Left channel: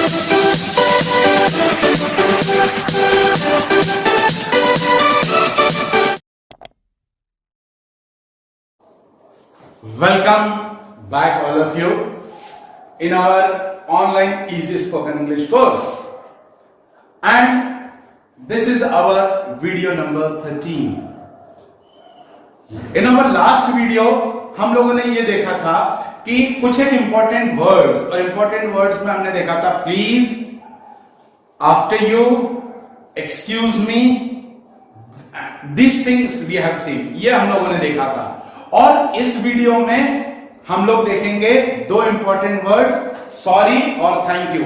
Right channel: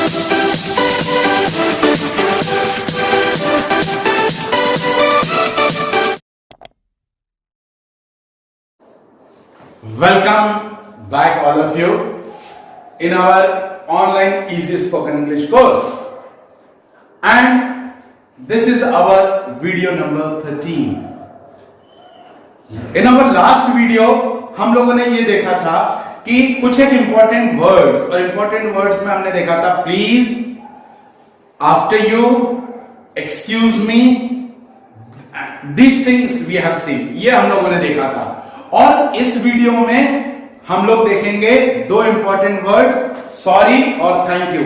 Welcome back all of you in our online Easy Spoken English course, and this is our video number 13. In our last video हम लोगों ने ये देखा था कि कुछ एक इंपॉर्टेंट वर्ड्स, और इंपॉर्टेंट वर्ड्स में हमने देखा था please, after you, excuse me, this things we have seen, ये हम लोगों ने देखा था। और इस वीडियो में हम लोग देखेंगे दो इंपॉर्टेंट वर्ड, सॉरी और थैंक यू।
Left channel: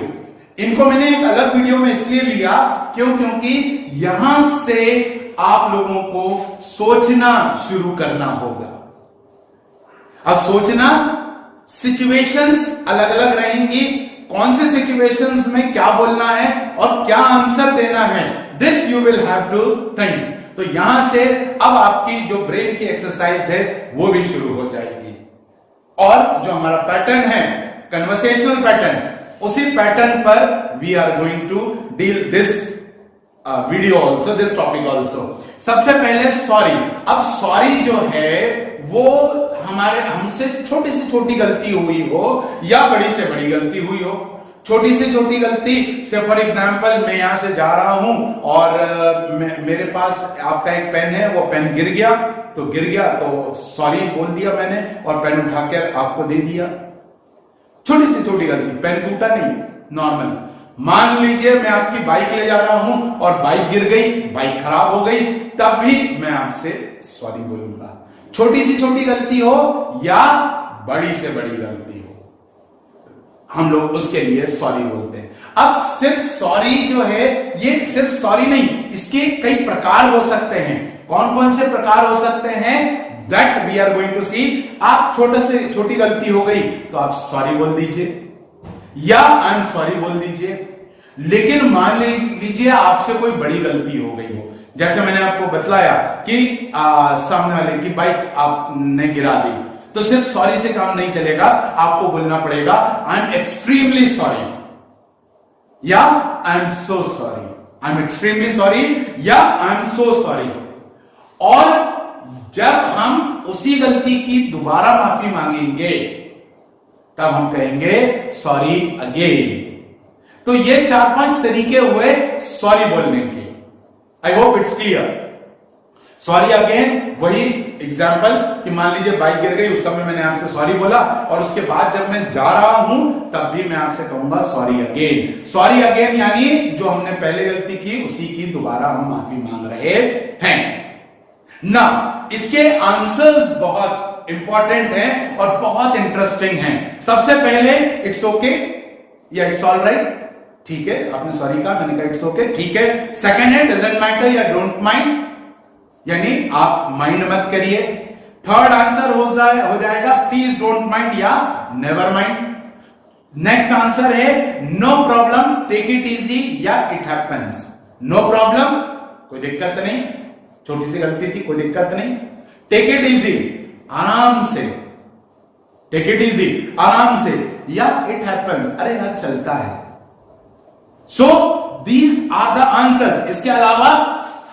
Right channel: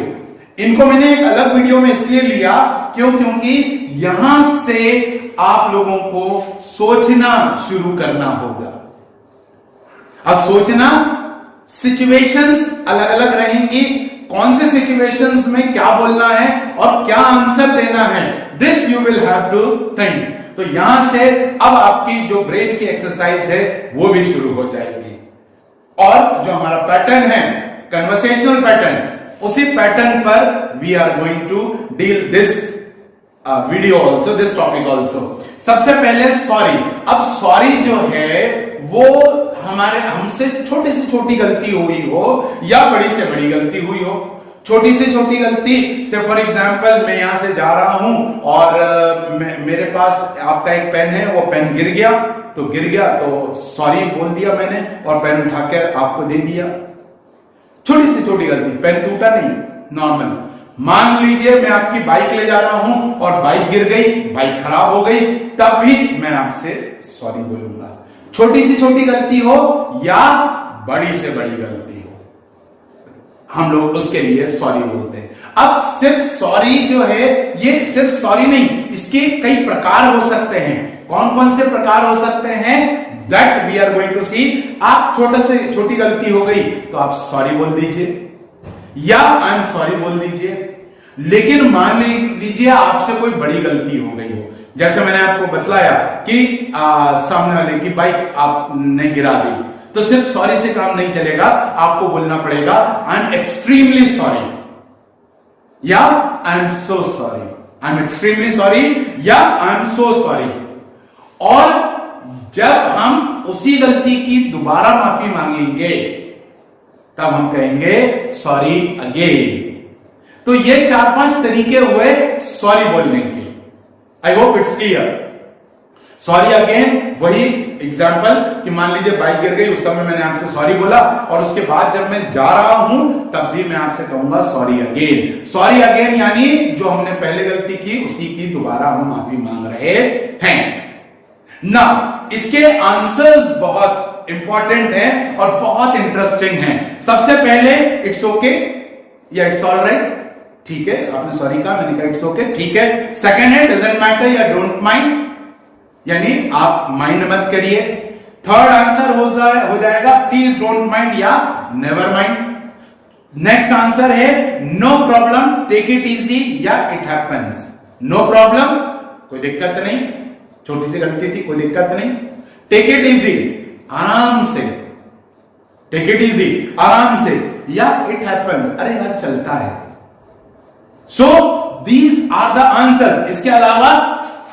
इनको मैंने एक अलग वीडियो में इसलिए लिया क्योंकि यहां से आप लोगों को सोचना शुरू करना होगा। अब सोचना, सिचुएशंस अलग अलग रहेंगी, कौन से सिचुएशंस में क्या बोलना है और क्या आंसर देना है, this you will have to think. तो यहां से अब आपकी जो ब्रेन की एक्सरसाइज है वो भी शुरू हो जाएगी, और जो हमारा पैटर्न है कन्वर्सेशनल पैटर्न, उसी पैटर्न पर we are going to deal this video also, this topic also. सबसे पहले सॉरी। अब सॉरी जो है वो हमसे छोटी से छोटी गलती हुई हो या बड़ी से बड़ी गलती हुई हो। छोटी से छोटी गलती से फॉर एग्जाम्पल मैं यहां से जा रहा हूं और मेरे पास आपका एक पेन है, वो पेन गिर गया तो सॉरी बोल दिया मैंने और पेन उठा के आपको दे दिया। छोटी से छोटी गलती, पेन टूटा नहीं, नॉर्मल। मान लीजिए मैं आपकी बाइक ले जा रहा हूं और बाइक गिर गई, बाइक खराब हो गई, तब भी मैं आपसे सॉरी बोलूंगा। छोटी सी छोटी गलती हो या बड़ी से बड़ी गलती हो, हम लोग उसके लिए सॉरी बोलते हैं। अब सिर्फ सॉरी जो है, ये सिर्फ सॉरी नहीं, इसके कई प्रकार हो सकते हैं। कौन कौन से प्रकार हो सकते हैं, that we are going to see. आप छोटे से छोटी गलती हो गई तो आप सॉरी बोल दीजिए या आई एम सॉरी बोल दीजिए। लेकिन मान लीजिए आपसे कोई बड़ी गलती हो गई हो, जैसे मैंने आपको बतलाया कि सामने वाले की बाइक आपने गिरा दी, तो सिर्फ सॉरी से काम नहीं चलेगा, आपको बोलना पड़ेगा आई एम एक्सट्रीमली सॉरी या I am so sorry, I am extremely sorry या आई एम सो सॉरी। और जब हम उसी गलती की दोबारा माफी मांगेंगे तब हम कहेंगे सॉरी अगेन। तो ये 4-5 तरीके हुए सॉरी बोलने के। I hope it's clear. Sorry again, वही एग्जाम्पल कि मान लीजिए बाइक गिर गई, उस समय मैंने आपसे सॉरी बोला और उसके बाद जब मैं जा रहा हूं तब भी मैं आपसे कहूंगा सॉरी अगेन। सॉरी अगेन यानी जो हमने पहले गलती की उसी की दोबारा हम माफी मांग रहे हैं ना। इसके आंसर्स बहुत इंपॉर्टेंट हैं और बहुत इंटरेस्टिंग हैं। सबसे पहले इट्स ओके या इट्स ऑल राइट, ठीक है, आपने सॉरी कहा, मैंने कहा इट्स ओके, ठीक है। सेकंड है डजंट मैटर या डोंट माइंड, यानी आप माइंड मत करिए। थर्ड आंसर हो जाएगा प्लीज डोंट माइंड या नेवर माइंड। नेक्स्ट आंसर है no problem, take it easy या इट हैपेंस। नो प्रॉब्लम, कोई दिक्कत नहीं, छोटी सी गलती थी, कोई दिक्कत नहीं। टेक इट इजी, आराम से, टेक इट इजी, आराम से, या इट हैपेंस, अरे यार चलता है। So these are the answer. इसके अलावा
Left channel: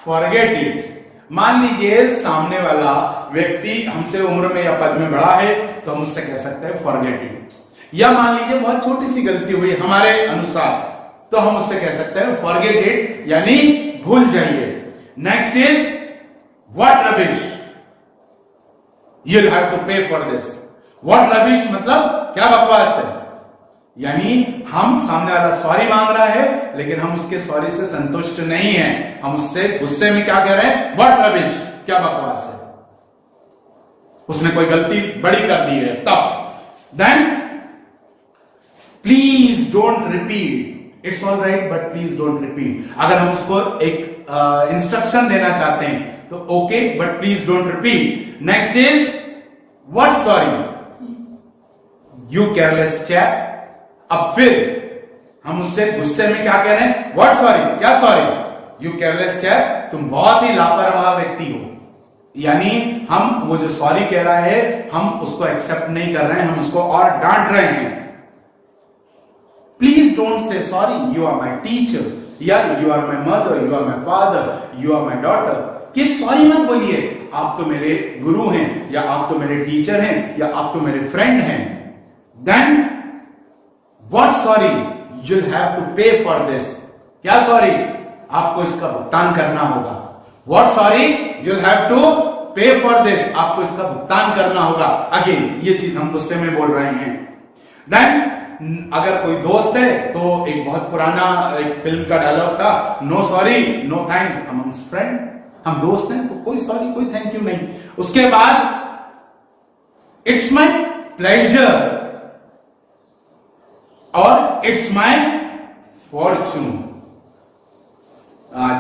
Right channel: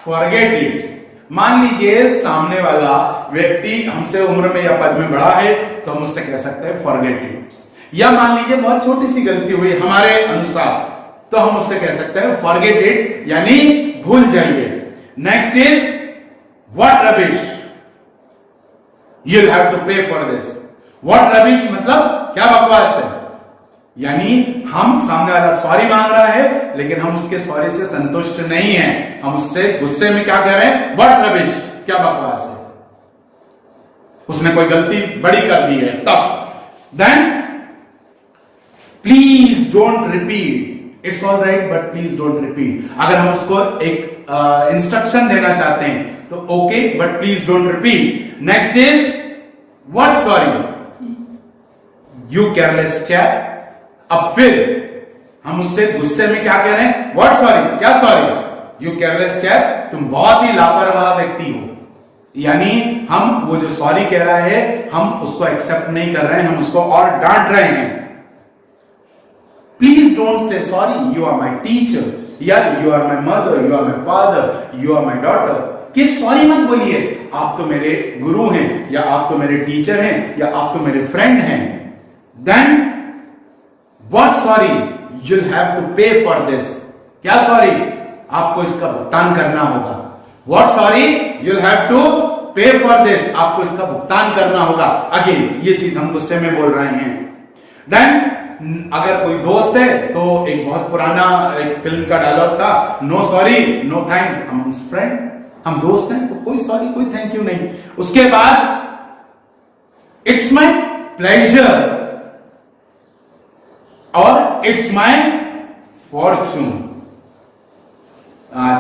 फॉरगेट इट। मान लीजिए सामने वाला व्यक्ति हमसे उम्र में या पद में बड़ा है तो हम उससे कह सकते हैं फॉरगेट इट, या मान लीजिए बहुत छोटी सी गलती हुई हमारे अनुसार तो हम उससे कह सकते हैं फॉरगेट इट, यानी भूल जाइए। Next is what rubbish, you'll have to pay for this. What rubbish मतलब क्या बकवास है, यानी हम सामने वाला सॉरी मांग रहा है लेकिन हम उसके सॉरी से संतुष्ट नहीं हैं, हम उससे गुस्से में क्या कह रहे हैं, व्हाट रबिश, क्या बकवास है, उसने कोई गलती बड़ी कर दी है तब। Then please don't repeat, it's all right but please don't repeat. अगर हम उसको एक इंस्ट्रक्शन देना चाहते हैं तो okay but please don't repeat. Next is what sorry, you careless chap. अब फिर हम उससे गुस्से में क्या कह रहे हैं, व्हाट सॉरी, क्या सॉरी, यू केयरलेस चैप, तुम बहुत ही लापरवाह व्यक्ति हो, यानी हम वो जो सॉरी कह रहा है हम उसको एक्सेप्ट नहीं कर रहे हैं, हम उसको और डांट रहे हैं। Please don't say sorry, you are my teacher, या you are my mother, you are my father, you are my daughter. कि सॉरी मत बोलिए, आप तो मेरे गुरु हैं, या आप तो मेरे टीचर हैं, या आप तो मेरे फ्रेंड हैं। Then what sorry, you'll have to pay for this। क्या सॉरी, आपको इसका भुगतान करना होगा। What sorry, you'll have to pay for this, आपको इसका भुगतान करना होगा। अगेन ये चीज हम गुस्से में बोल रहे हैं। देन अगर कोई दोस्त है तो एक बहुत पुराना एक फिल्म का डायलॉग था, no sorry no thanks amongst friend. हम दोस्त हैं तो कोई सॉरी कोई थैंक यू नहीं। उसके बाद इट्स माई प्लेजर और इट्स माई फॉर्चून।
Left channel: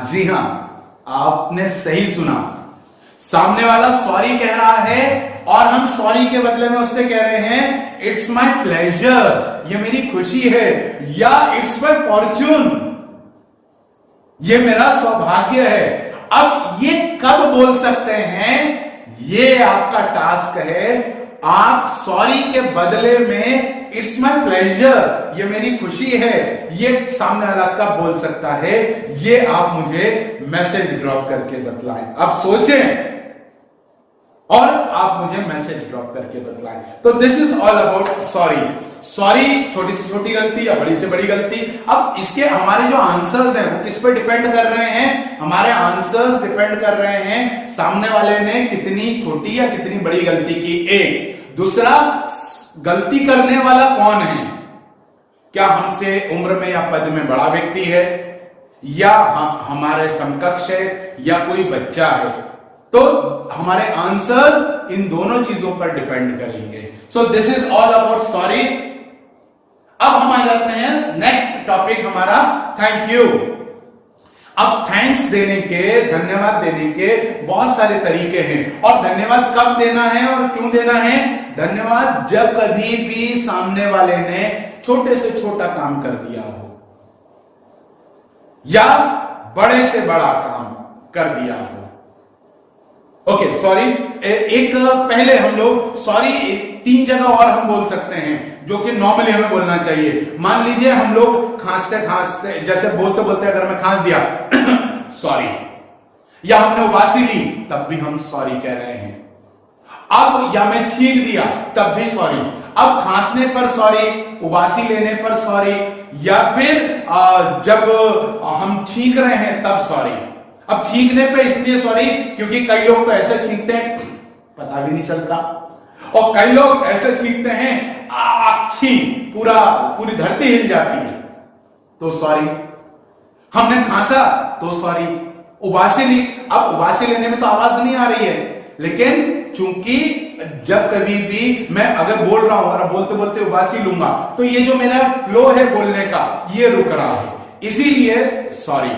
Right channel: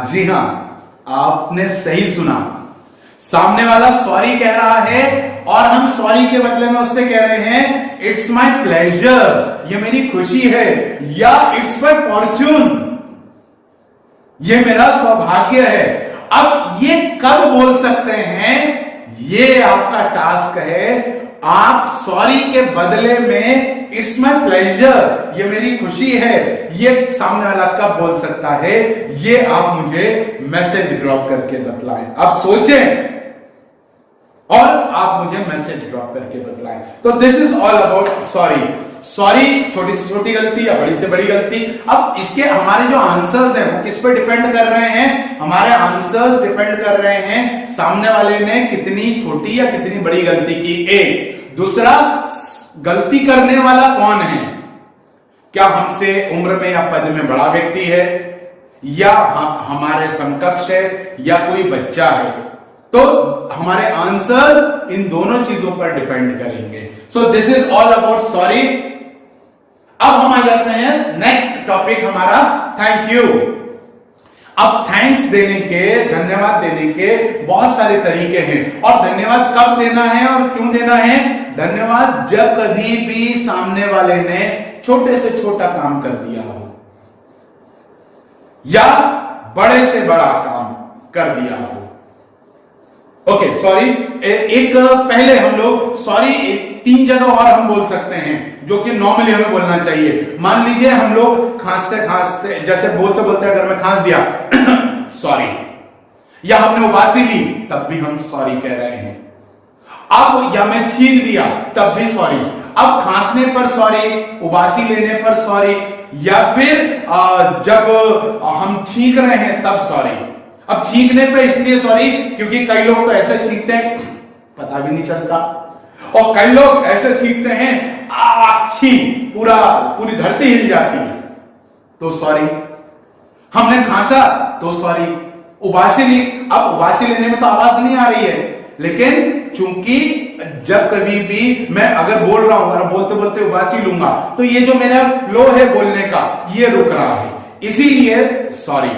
जी हां, आपने सही सुना, सामने वाला सॉरी कह रहा है और हम सॉरी के बदले में उससे कह रहे हैं इट्स माई प्लेजर, ये मेरी खुशी है, या इट्स माई फॉर्चून, ये मेरा सौभाग्य है। अब ये कब बोल सकते हैं, ये आपका टास्क है। आप सॉरी के बदले में इट्स माई प्लेजर, ये मेरी खुशी है, ये सामने वाला कब बोल सकता है, ये आप मुझे मैसेज ड्रॉप करके बतलाएं। आप सोचें और आप मुझे मैसेज ड्रॉप करके बतलाएं। तो this is all about sorry. Sorry छोटी से छोटी गलती या बड़ी से बड़ी गलती। अब इसके हमारे जो आंसर्स हैं वो किस पे डिपेंड कर रहे हैं, हमारे आंसर्स डिपेंड कर रहे हैं सामने वाले ने कितनी छोटी या कितनी बड़ी गलती की। एक दूसरा, गलती करने वाला कौन है, क्या हमसे उम्र में या पद में बड़ा व्यक्ति है, या हमारे समकक्ष है, या कोई बच्चा है। तो हमारे आंसर्स इन दोनों चीजों पर डिपेंड करेंगे। So this is all about sorry. अब हम आ जाते हैं नेक्स्ट टॉपिक हमारा थैंक यू। अब थैंक्स देने के, धन्यवाद देने के बहुत सारे तरीके हैं। और धन्यवाद कब देना है और क्यों देना है? धन्यवाद जब कभी भी सामने वाले ने छोटे से छोटा काम कर दिया हो या बड़े से बड़ा काम कर दिया हो। ओके सॉरी, एक पहले हम लोग सॉरी 3 जगह और हम बोल सकते हैं जो कि नॉर्मली हमें बोलना चाहिए। मान लीजिए हम लोग खांसते खांसते, जैसे बोलते बोलते अगर मैं खांस दिया सॉरी, या हमने उबासी ली तब भी हम सॉरी कह रहे हैं। अब या मैं छींक दिया तब भी सॉरी। अब खांसने पर सॉरी, उबासी लेने पर सॉरी, या फिर जब हम छींक रहे हैं तब सॉरी। अब छींकने पे इसलिए सॉरी क्योंकि कई लोग तो ऐसे छींकते हैं पता भी नहीं चलता, और कई लोग ऐसे छींकते हैं अच्छी पूरी धरती हिल जाती है, तो सॉरी। हमने खांसा तो सॉरी, उबासी ली, अब उबासी लेने में तो आवाज नहीं आ रही है, लेकिन चूंकि जब कभी भी मैं अगर बोल रहा हूं और बोलते बोलते उबासी लूंगा तो ये जो मेरा फ्लो है बोलने का ये रुक रहा है, इसीलिए सॉरी।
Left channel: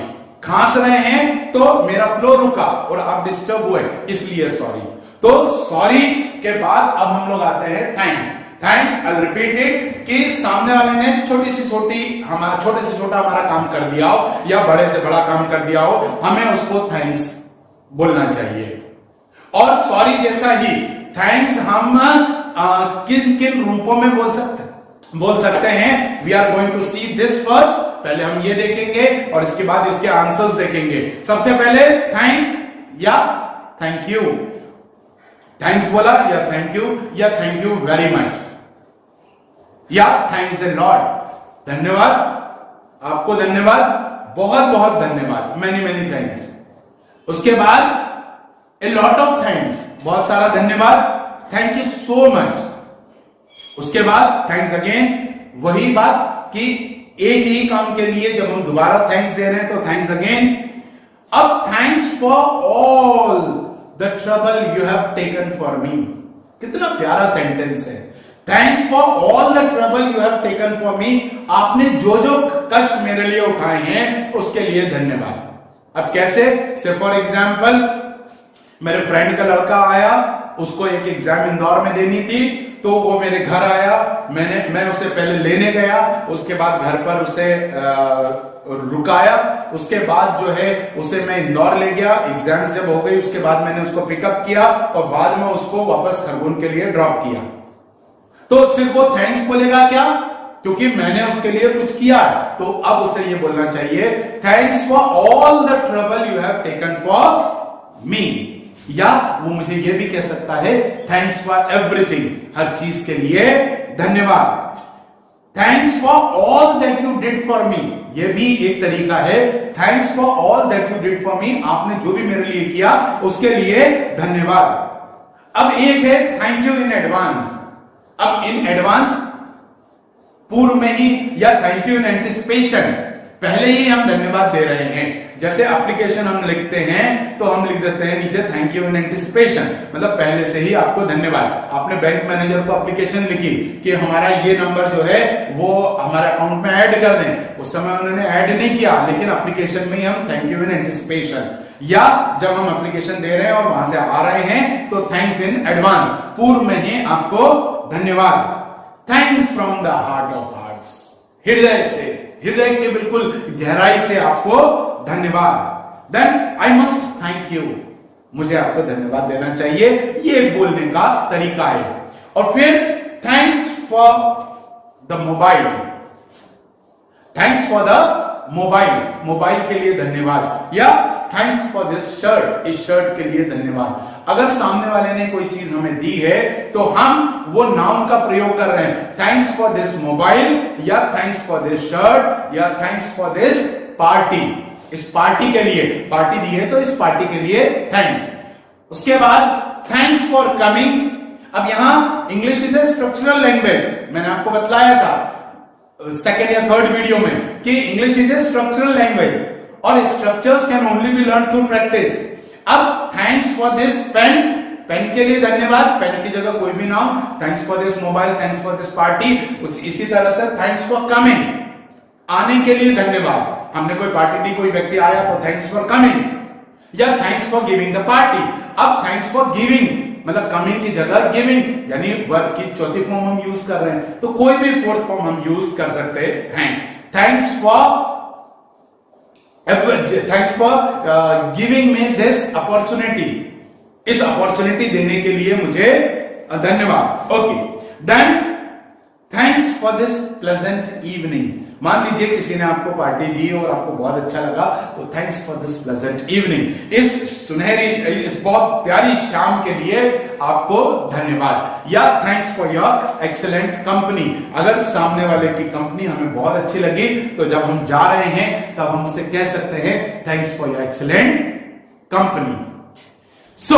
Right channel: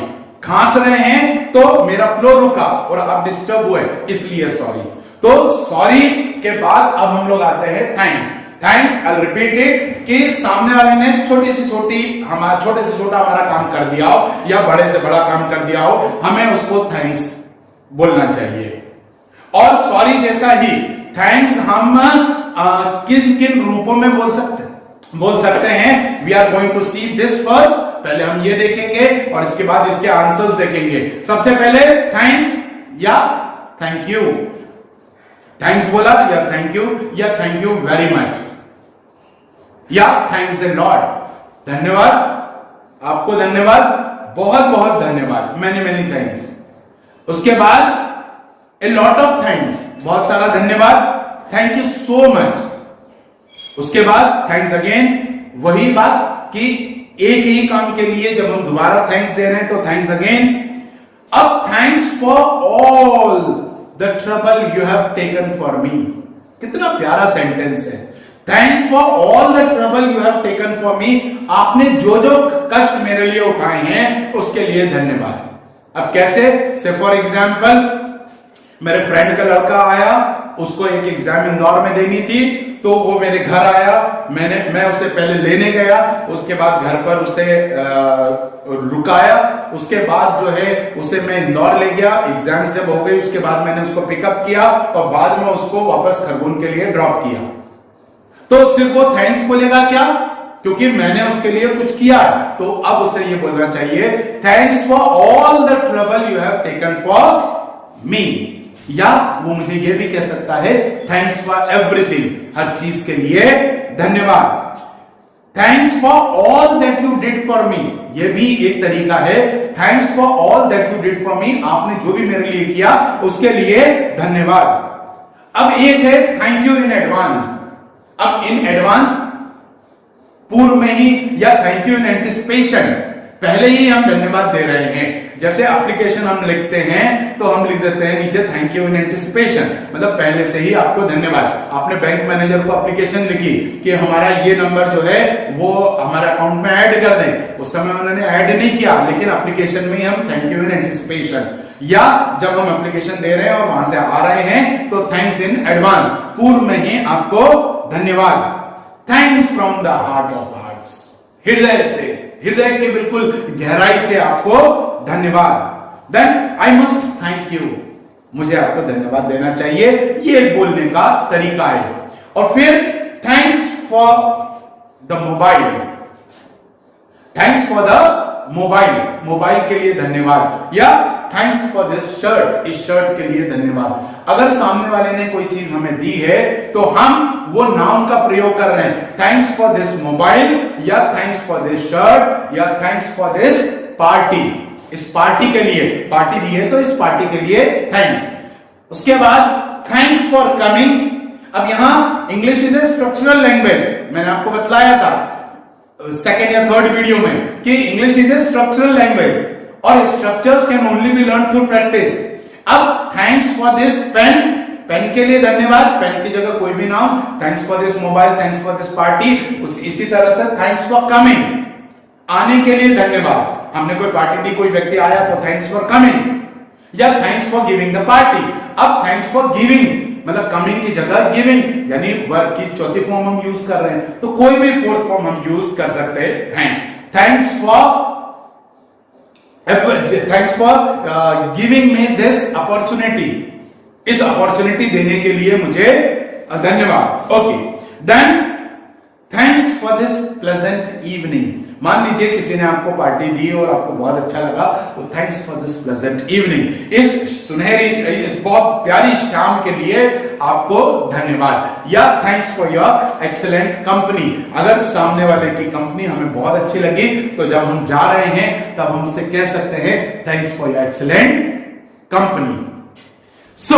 खांस रहे हैं तो मेरा फ्लो रुका और आप डिस्टर्ब हुए, इसलिए सॉरी। तो सॉरी के बाद अब हम लोग आते हैं thanks. Thanks I repeat it कि सामने वाले ने छोटे से छोटा हमारा काम कर दिया हो या बड़े से बड़ा काम कर दिया हो, हमें उसको थैंक्स बोलना चाहिए। और सॉरी जैसा ही थैंक्स हम किन किन रूपों में बोल सकते हैं, we are going to see this first. पहले हम ये देखेंगे और इसके बाद इसके आंसर्स देखेंगे। सबसे पहले थैंक्स या थैंक यू। थैंक्स बोला या थैंक यू वेरी मच, या थैंक्स ए लॉट, धन्यवाद, आपको धन्यवाद, बहुत बहुत धन्यवाद, मैनी थैंक्स। उसके बाद ए लॉट ऑफ थैंक्स, बहुत सारा धन्यवाद, थैंक यू सो मच। उसके बाद थैंक्स अगेन, वही बात कि एक ही काम के लिए जब हम दोबारा थैंक्स दे रहे हैं तो थैंक्स अगेन। अब thanks for all the trouble you have taken for me, कितना प्यारा सेंटेंस है। Thanks for all the trouble you have taken for me, आपने जो जो कष्ट मेरे लिए उठाए हैं उसके लिए धन्यवाद। अब कैसे? से फॉर एग्जाम्पल मेरे फ्रेंड का लड़का आया, उसको एक एग्जाम इंदौर में देनी थी, तो वो मेरे घर आया, मैं उसे पहले लेने गया, उसके बाद घर पर उसे रुकाया, उसके बाद जो है उसे मैं इंदौर ले गया, एग्जाम जब हो गई उसके बाद मैंने उसको पिकअप किया और बाद में उसको वापस खरगोन के लिए ड्रॉप किया। तो सिर्फ वो थैंक्स बोलेगा क्या? क्योंकि मैंने उसके लिए कुछ किया, तो अब उसे ये बोलना चाहिए thanks for all the trouble you have taken for me. या वो मुझे ये भी कह सकता है थैंक्स फॉर एवरीथिंग, हर चीज के लिए धन्यवाद। Thanks for all that you did for me, ये भी एक तरीका है। Thanks for all that you did for me, आपने जो भी मेरे लिए किया उसके लिए धन्यवाद। अब एक है थैंक यू इन एडवांस। अब इन एडवांस पूर्व में ही, या थैंक यू इन एंटिसिपेशन, पहले ही हम धन्यवाद दे रहे हैं। जैसे एप्लीकेशन हम लिखते हैं तो हम लिख देते हैं नीचे थैंक यू इन एंटिसिपेशन, मतलब पहले से ही आपको धन्यवाद। आपने बैंक मैनेजर को एप्लीकेशन लिखी कि हमारा ये नंबर जो है वो हमारे अकाउंट में ऐड कर दें, उस समय उन्होंने ऐड नहीं किया, लेकिन एप्लीकेशन में ही हम थैंक यू इन एंटिसिपेशन, या जब हम एप्लीकेशन दे रहे हैं और वहां से आ रहे हैं तो थैंक्स इन एडवांस, पूर्व में ही आपको धन्यवाद। Thanks from the heart of hearts, हृदय से, हृदय के बिल्कुल गहराई से आपको धन्यवाद। Then I must thank you, मुझे आपको धन्यवाद देना चाहिए, ये बोलने का तरीका है। और फिर thanks for the mobile, thanks for the mobile, mobile के लिए धन्यवाद, या थैंक्स फॉर दिस शर्ट, इस शर्ट के लिए धन्यवाद। अगर सामने वाले ने कोई चीज हमें दी है तो हम वो नाउन का प्रयोग कर रहे हैं, थैंक्स फॉर दिस मोबाइल, या थैंक्स फॉर दिस शर्ट, या थैंक्स फॉर दिस पार्टी, इस पार्टी के लिए, पार्टी दी है तो इस पार्टी के लिए थैंक्स। उसके बाद थैंक्स फॉर कमिंग। अब यहां English is a structural language, मैंने आपको बताया था सेकेंड या थर्ड वीडियो में कि English is a structural language और structures can only be learn through practice. अब thanks for this pen, pen के लिए धन्यवाद, पेन की जगह कोई भी नाम, thanks for this mobile, thanks for this party, इसी तरह से थैंक्स फॉर कमिंग, आने के लिए धन्यवाद। हमने कोई पार्टी दी, कोई व्यक्ति आया तो थैंक्स फॉर कमिंग, या thanks for giving the party. अब थैंक्स फॉर गिविंग, मतलब कमिंग की जगह गिविंग, यानी वर्ब की चौथी फॉर्म हम यूज कर रहे हैं, तो कोई भी फोर्थ फॉर्म हम यूज कर सकते हैं। Thanks for giving me this opportunity, इस अपॉर्चुनिटी देने के लिए मुझे धन्यवाद। Okay, then thanks for this pleasant evening. मान लीजिए किसी ने आपको पार्टी दी और आपको बहुत अच्छा लगा, तो thanks for this pleasant evening, इस सुनहरी, इस बहुत प्यारी शाम के लिए आपको धन्यवाद। या thanks for your excellent company, अगर सामने वाले की कंपनी हमें बहुत अच्छी लगी तो जब हम जा रहे हैं तब हम उसे कह सकते हैं thanks for your excellent company. So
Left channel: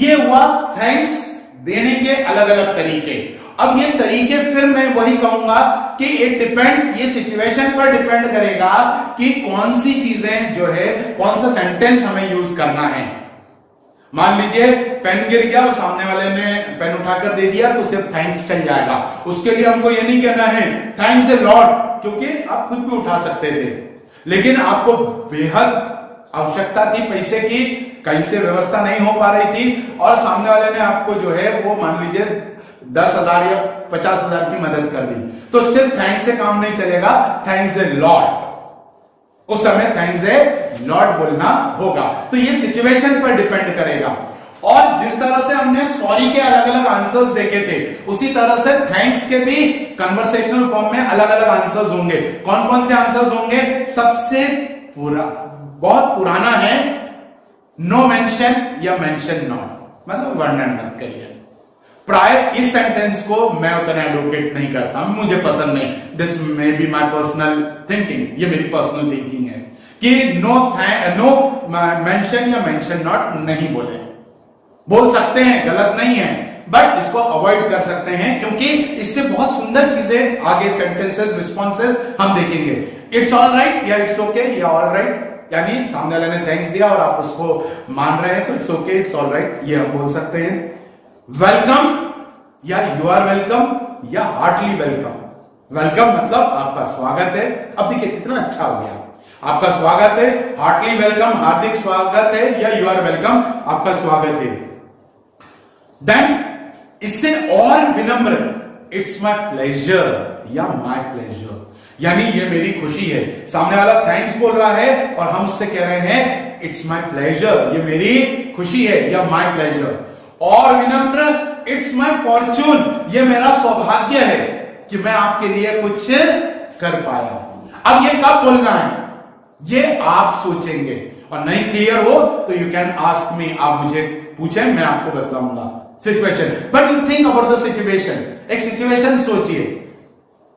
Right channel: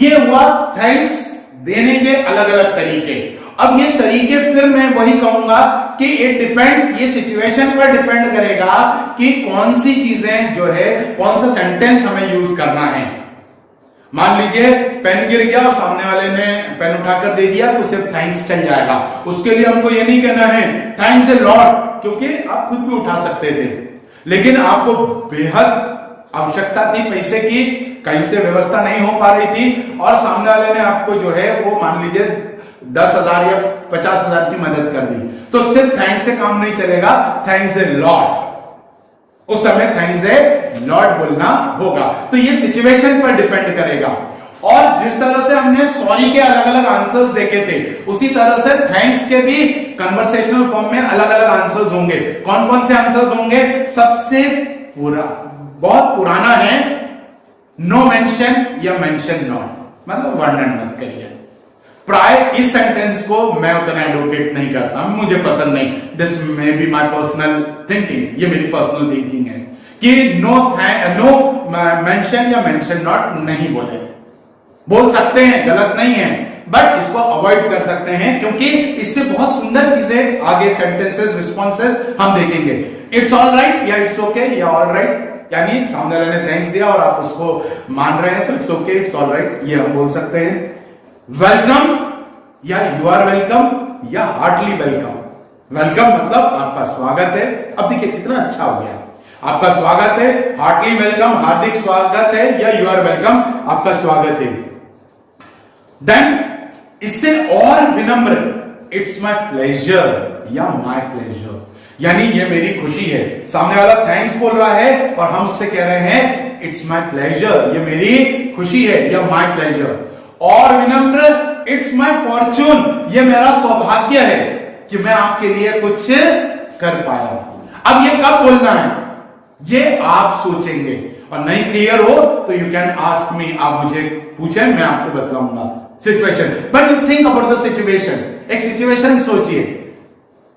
ये हुआ थैंक्स देने के अलग अलग तरीके। अब ये तरीके फिर मैं वही कहूंगा कि इट डिपेंड्स, ये सिचुएशन पर डिपेंड करेगा कि कौन सी चीजें जो है, कौन सा सेंटेंस हमें यूज करना है। मान लीजिए पेन गिर गया और सामने वाले ने पेन उठाकर दे दिया तो सिर्फ थैंक्स चल जाएगा, उसके लिए हमको ये नहीं कहना है थैंक्स ए लॉट, क्योंकि आप खुद भी उठा सकते थे, लेकिन आपको बेहद आवश्यकता थी पैसे की, कहीं से व्यवस्था नहीं हो पा रही थी और सामने वाले ने आपको जो है वो मान लीजिए 10,000 या 50,000 की मदद कर दी, तो सिर्फ थैंक्स से काम नहीं चलेगा, थैंक्स ए लॉट, उस समय थैंक्स ए लॉट बोलना होगा। तो ये सिचुएशन पर डिपेंड करेगा। और जिस तरह से हमने सॉरी के अलग अलग आंसर्स देखे थे, उसी तरह से थैंक्स के भी कन्वर्सेशनल फॉर्म में अलग अलग आंसर्स होंगे। कौन कौन से आंसर्स होंगे? सबसे बहुत पुराना है नो मेंशन या मेंशन नॉट, मतलब वर्णन मत करिए। प्राय इस सेंटेंस को मैं उतना एडवोकेट नहीं करता, मुझे पसंद नहीं। This may be my personal thinking, ये मेरी पर्सनल थिंकिंग है कि नो मेंशन या मेंशन नॉट नहीं बोल सकते हैं, गलत नहीं है, बट इसको अवॉइड कर सकते हैं क्योंकि इससे बहुत सुंदर चीजें आगे सेंटेंसेस, रिस्पॉन्सेस हम देखेंगे। इट्स ऑल राइट या इट्स ओके या ऑल राइट, यानी सामने वाले ने थैंक्स दिया और आप उसको मान रहे हैं तो it's okay, it's all right, ये हम बोल सकते हैं। वेलकम या यू आर वेलकम या हार्टली वेलकम। वेलकम मतलब आपका स्वागत है। अब देखिए कितना अच्छा हो गया, आपका स्वागत है, हार्टली वेलकम हार्दिक स्वागत है, या यू आर वेलकम आपका स्वागत है। देन इससे और विनम्र, इट्स माय प्लेजर या माय प्लेजर, यानी ये मेरी खुशी है। सामने वाला थैंक्स बोल रहा है और हम उससे कह रहे हैं इट्स माय प्लेजर, ये मेरी खुशी है या माय प्लेजर। और विनम्र, इट्स माय फॉर्चून, ये मेरा सौभाग्य है। कि मैं आपके लिए कुछ कर पाया हूं। अब ये कब बोलना है ये आप सोचेंगे, और नहीं क्लियर हो तो यू कैन आस्क मी, आप मुझे पूछे मैं आपको बताऊंगा situation. But you think about the situation, एक सिचुएशन सोचिए।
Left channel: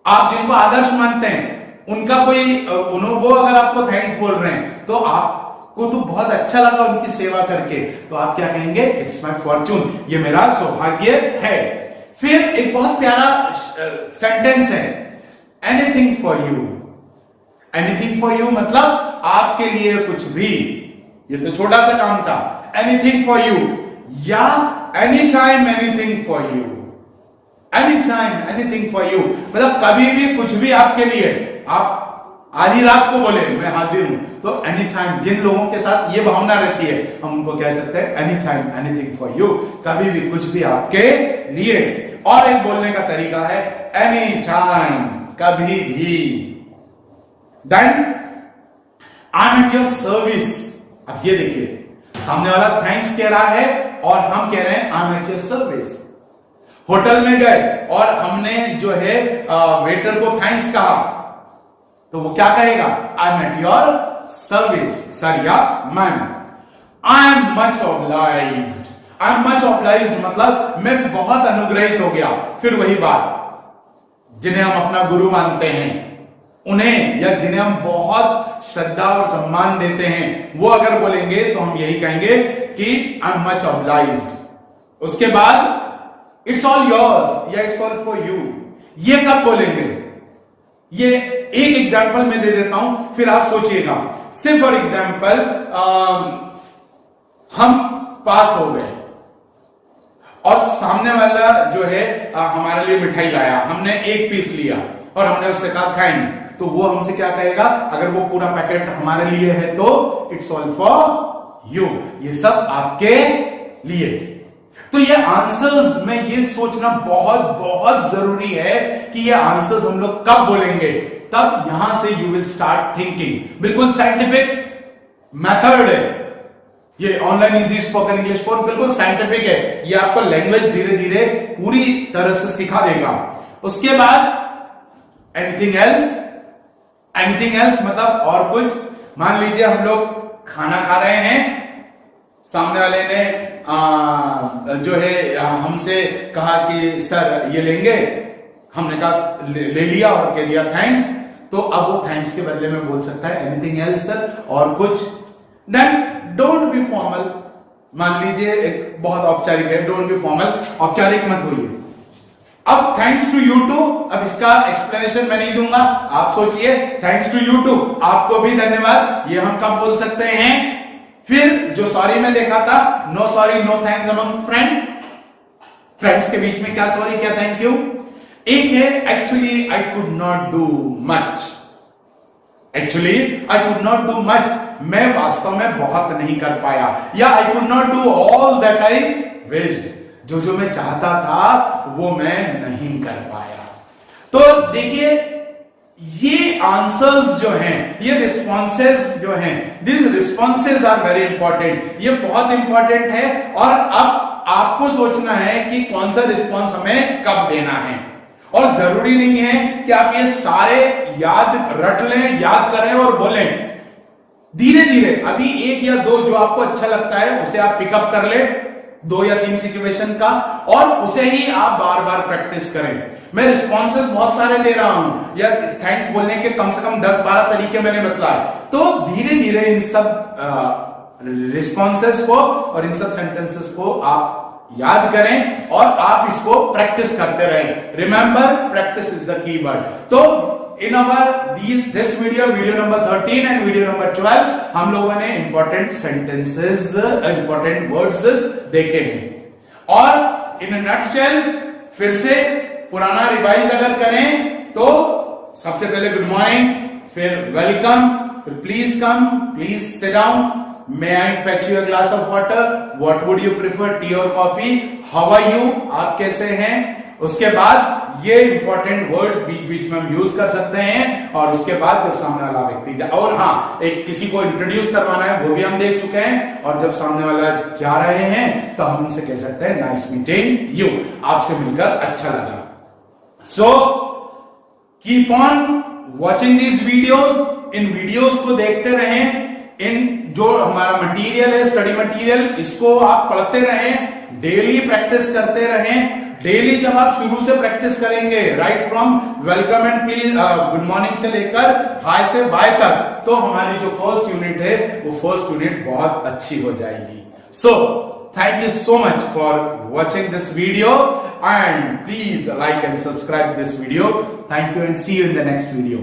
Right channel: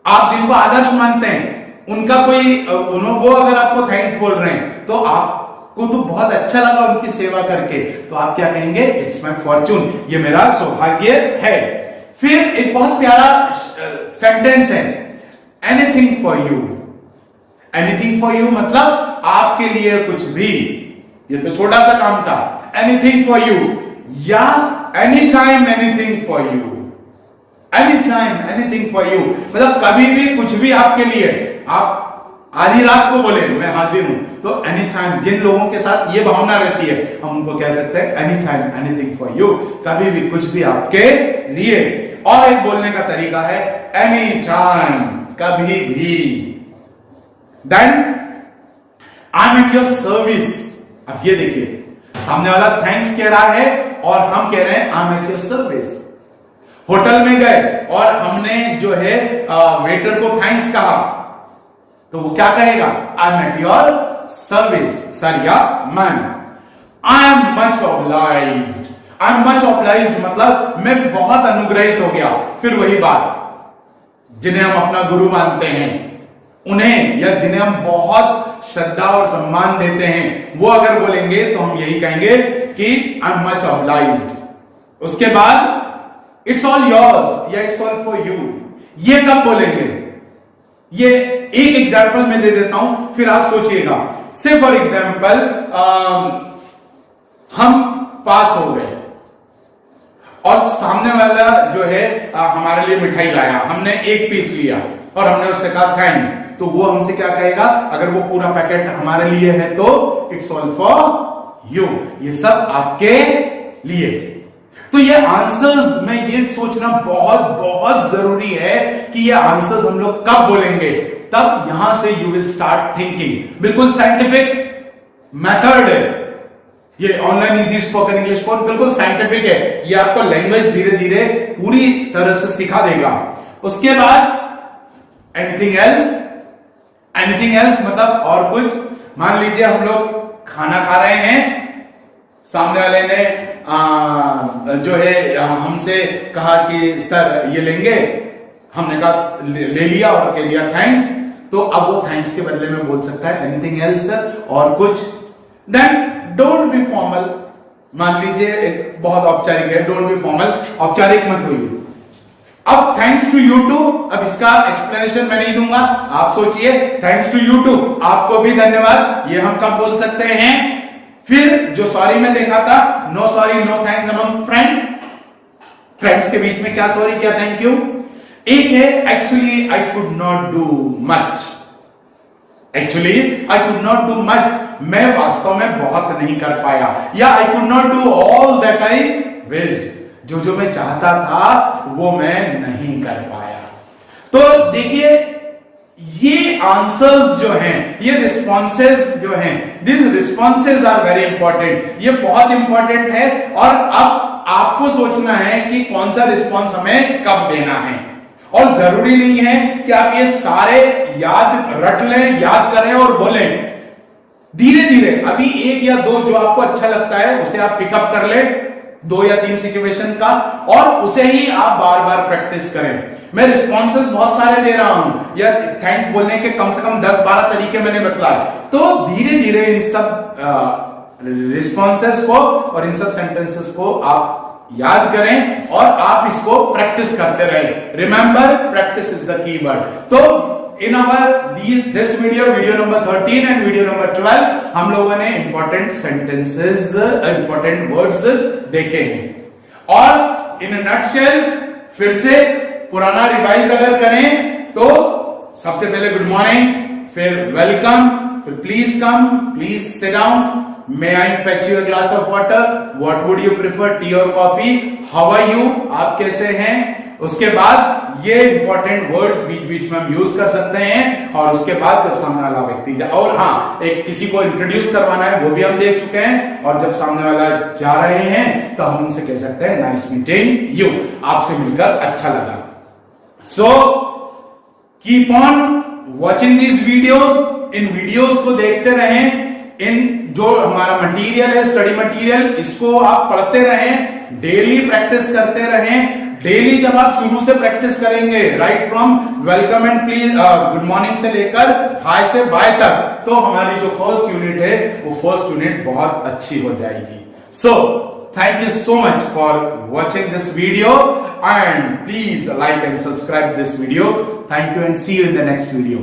आप जिनको आदर्श मानते हैं उनका कोई वो अगर आपको थैंक्स बोल रहे हैं तो आपको तो बहुत अच्छा लगा उनकी सेवा करके, तो आप क्या कहेंगे? इट्स माय फॉर्चून, ये मेरा सौभाग्य है। फिर एक बहुत प्यारा सेंटेंस है, anything for you. Anything for you मतलब आपके लिए कुछ भी, ये तो छोटा सा काम था। एनीथिंग फॉर यू या any time anything for you. Any time anything for you मतलब कभी भी कुछ भी आपके लिए। आप आधी रात को बोले मैं हाजिर हूं, तो एनी टाइम, जिन लोगों के साथ ये भावना रहती है हम उनको कह सकते हैं any time anything for you, कभी भी कुछ भी आपके लिए। और एक बोलने का तरीका है एनी टाइम, कभी भी। Then I am at your service. अब ये देखिए, सामने वाला थैंक्स कह रहा है और हम कह रहे हैं आई am at your service. Hotel में गए और हमने जो है वेटर को थैंक्स कहा, तो वो क्या कहेगा? I am at your service sir या ma'am. I am much obliged. I am much obliged मतलब मैं बहुत अनुग्रहित हो गया। फिर वही बात, जिन्हें हम अपना गुरु मानते हैं उन्हें, या जिन्हें हम बहुत श्रद्धा और सम्मान देते हैं, वो अगर बोलेंगे तो हम यही कहेंगे कि आई एम मच ऑब्लाइज्ड। उसके बाद इट्स ऑल योर्स या इट्स ऑल फॉर यू, ये कब बोलेंगे? ये एक एग्जाम्पल मैं दे देता हूं, फिर आप सोचिएगा। से फॉर एग्जाम्पल हम पास हो गए और सामने वाला जो है हमारे लिए मिठाई लाया, हमने एक पीस लिया और हमने उससे कहा थैंक्स, तो वो हमसे क्या कहेगा? अगर वो पूरा पैकेट हमारे लिए है तो इट्स ऑल फॉर यू, ये सब आपके लिए। तो ये आंसर्स में ये सोचना बहुत बहुत जरूरी है कि ये आंसर्स हम लोग कब बोलेंगे, तब यहां से यू विल स्टार्ट थिंकिंग। बिल्कुल साइंटिफिक मेथड है ये online easy spoken English course, बिल्कुल साइंटिफिक है। ये आपको लैंग्वेज धीरे धीरे पूरी तरह से सिखा देगा। उसके बाद एनीथिंग एल्स। एनीथिंग एल्स मतलब और कुछ। मान लीजिए हम लोग खाना खा रहे हैं, सामने वाले ने जो है हमसे कहा कि सर ये लेंगे, हमने कहा ले लिया और कह दिया थैंक्स, तो अब वो थैंक्स के बदले में बोल सकता है एनीथिंग एल्स और कुछ। Then don't be formal. मान लीजिए एक बहुत औपचारिक है, डोंट बी फॉर्मल, औपचारिक मत होइए। अब थैंक्स टू यू टू, अब इसका एक्सप्लेनेशन मैं नहीं दूंगा, आप सोचिए। थैंक्स टू यू टू, आपको भी धन्यवाद, ये हम कब बोल सकते हैं? फिर जो सॉरी में देखा था, no sorry no thanks among friend. Friends के बीच में क्या सॉरी क्या थैंक यू। एक है actually I could not do much. Actually I could not do much, मैं वास्तव में बहुत नहीं कर पाया, या I could not do all that I wished, जो मैं चाहता था वो मैं नहीं कर पाया। तो देखिए ये आंसर्स जो हैं, ये रिस्पॉन्सेस जो हैं, this responses are very important, ये बहुत इंपॉर्टेंट है। और अब आपको सोचना है कि कौन सा रिस्पॉन्स हमें कब देना है। और जरूरी नहीं है कि आप ये सारे याद रट लें, याद करें और बोलें। धीरे धीरे अभी एक या दो जो आपको अच्छा लगता है उसे आप पिकअप कर ले, 2 या 3 सिचुएशन का, और उसे ही आप बार बार प्रैक्टिस करें। मैं रिस्पॉन्सेस बहुत सारे दे रहा हूं, या थैंक्स बोलने के कम से कम 10-12 तरीके मैंने बतलाए। तो धीरे धीरे इन सब रिस्पॉन्सेस को और इन सब सेंटेंसेस को आप याद करें और आप इसको प्रैक्टिस करते रहें। Remember, practice is the keyword. तो in our this video number 13 and video number 12 हम लोगों ने इंपॉर्टेंट सेंटेंसेस, इंपॉर्टेंट वर्ड्स देखे हैं। और इन नटशेल फिर से पुराना रिवाइज अगर करें तो सबसे पहले गुड मॉर्निंग, फिर वेलकम, फिर please come, please sit down, may I fetch you a glass of water, what would you prefer, T और कॉफी, हाउ आर यू, आप कैसे हैं। उसके बाद ये इंपॉर्टेंट वर्ड्स बीच बीच में हम यूज कर सकते हैं। और उसके बाद जब सामने वाला व्यक्ति और हाँ, एक किसी को इंट्रोड्यूस करवाना है वो भी हम देख चुके हैं। और जब सामने वाला जा रहे हैं तो हम उनसे कह सकते हैं नाइस मीटिंग यू, आपसे मिलकर अच्छा लगा। So keep on watching these videos, in videos को देखते रहें, इन जो हमारा मटेरियल है, स्टडी मटेरियल, इसको आप पढ़ते रहें, डेली प्रैक्टिस करते रहें। डेली जब आप शुरू से प्रैक्टिस करेंगे, right from welcome and please good morning से लेकर हाय से बाय तक, तो हमारी जो फर्स्ट यूनिट है वो फर्स्ट यूनिट बहुत अच्छी हो जाएगी। सो thank you so much for watching this video and please like and subscribe this video. Thank you and see you in the next video.